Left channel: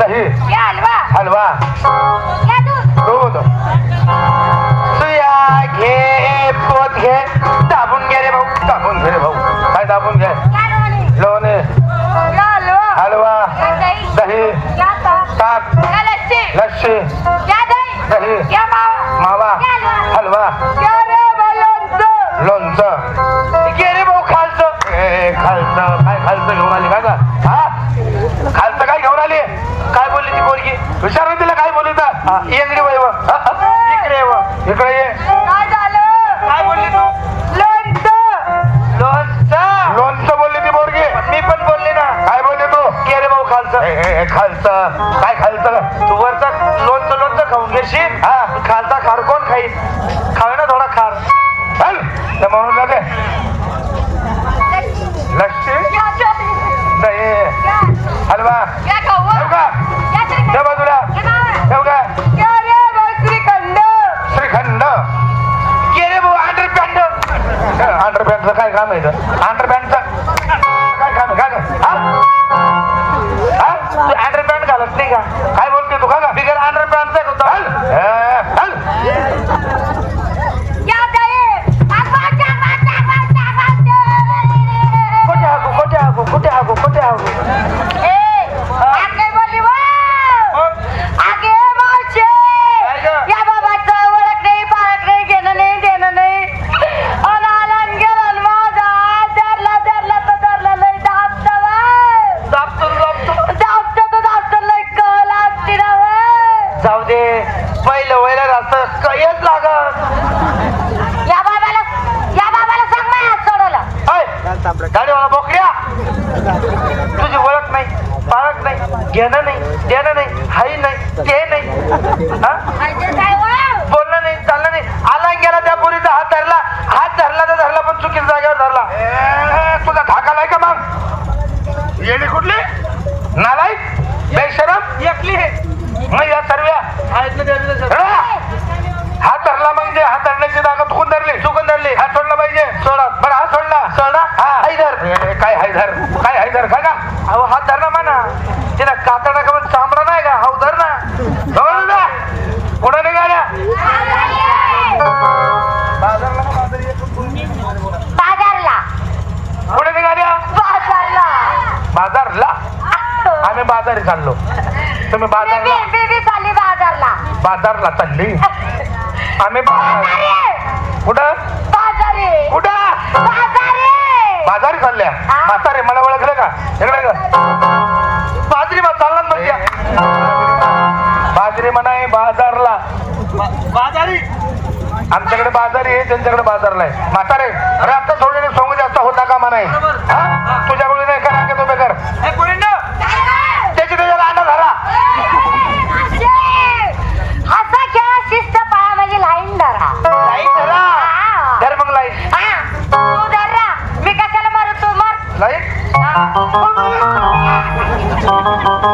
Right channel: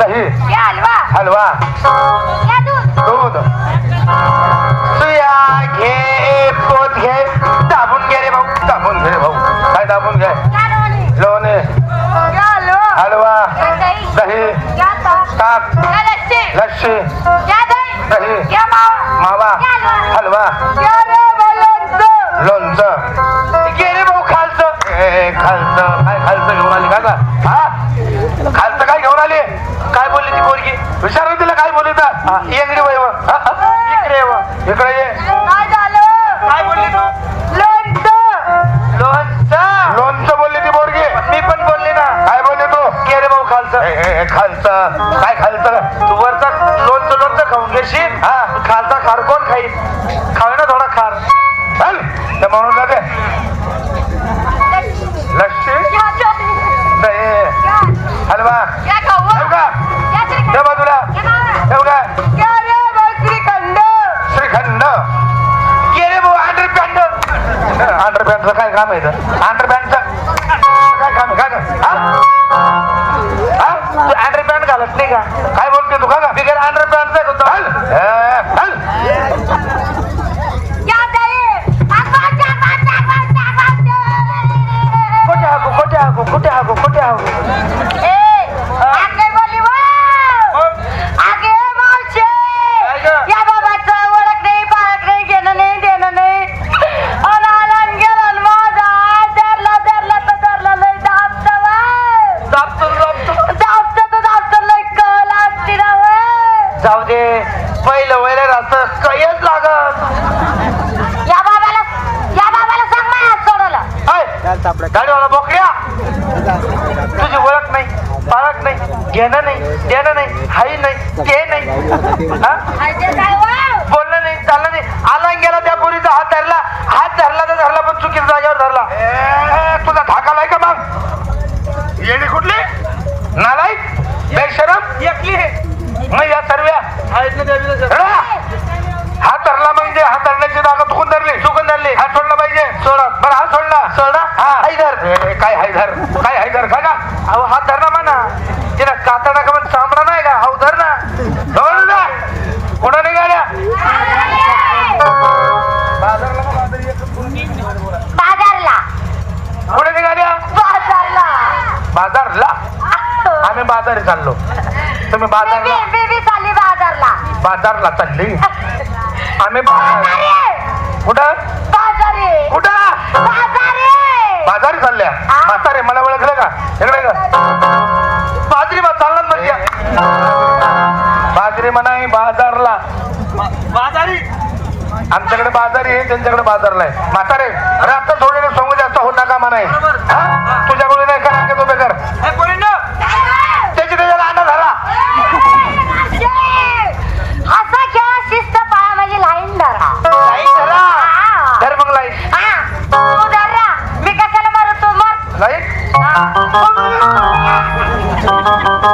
दही हलवा. दूध. सुया घे पोत घे. दाबून घे रे भाऊ. दाबून घे रे भाऊ. काय दाबून घे? लोणी. हलवा. दही. ताक. या दही. मावा. हलवा. विचारून तिला काय बोलली तर इकडे व इकडे ये काय झालं. काय बोलली तू? लोणचं लोणचं लोणचं बोलली ती पोरगी. मी पण बोलली ना. काय बोलली तू? के रे भाऊ खालचं. खालचं. काय खालचं? तू वरचं लोणचं लोणचं खाऊन घेशील. हा. खालचा खार कोण खाईल खाऊ ना थोडा खार. चल. तर म्हणून जाते. अंडरपॅन्टचं काय काम आहे अंडरपॅन्टचं काय काम आहे? का घेणं नाही देणं नाही हाई नाही ते नाही. हा? बोलणं नाही चाललं नाही. आला गेला त्या पोरीचा हात धरला. हात धरला तर धरला पण चुकीच्या जागेवर धरला. ए, तुझा धाका लाय का मग? येडी कुठली? नालायक? बेशरम? एकली मग या सर्व हात धरला मग ते हात धरण्याची जागा चुकून धरली. चुकून धरली. हात सोडला पाहिजे. सोडा. बरं हात सोडला. सोडा. हा. हायधर ए, काय हायधर काय हायधर का का अहो हात धर ना म्हणा तिला कातडा का चांबडा नाही का? हाऊ धर ना. जवळ जा कोणा निघाल्या. बाजारला कुठे निघाल्या. बाजारला. बाजारला. आम्ही बाजारी चाललो. तुम्ही बाजारला. बेबी बेबी चालली बाजारला. बाजारला चालली. आम्ही कुठं? बाजारी. कुठं? बाजारी. बाजारी चालल्या. हा? म्हातारे मला ओळखलं का? इकडे का बाजरी बा चालणार म्हणजे बाजरी म्हणाय बाजारला. बाजारी. आमच्याकडे बाजारी आहे त्यांच्याकडे बाजारला आहे. म्हातारे अरे आता थोडे समोर जास्त होत नका म्हणाय हा? तुझ्याकडे नाही करा का तुम्ही कर? त्याची त्याच्याला झाला असा खेळ शिस्त पाया म्हणजे लाईन धरा. लाइट धरा. धर मग हा. तू धरा मी कशाला लाइट हा.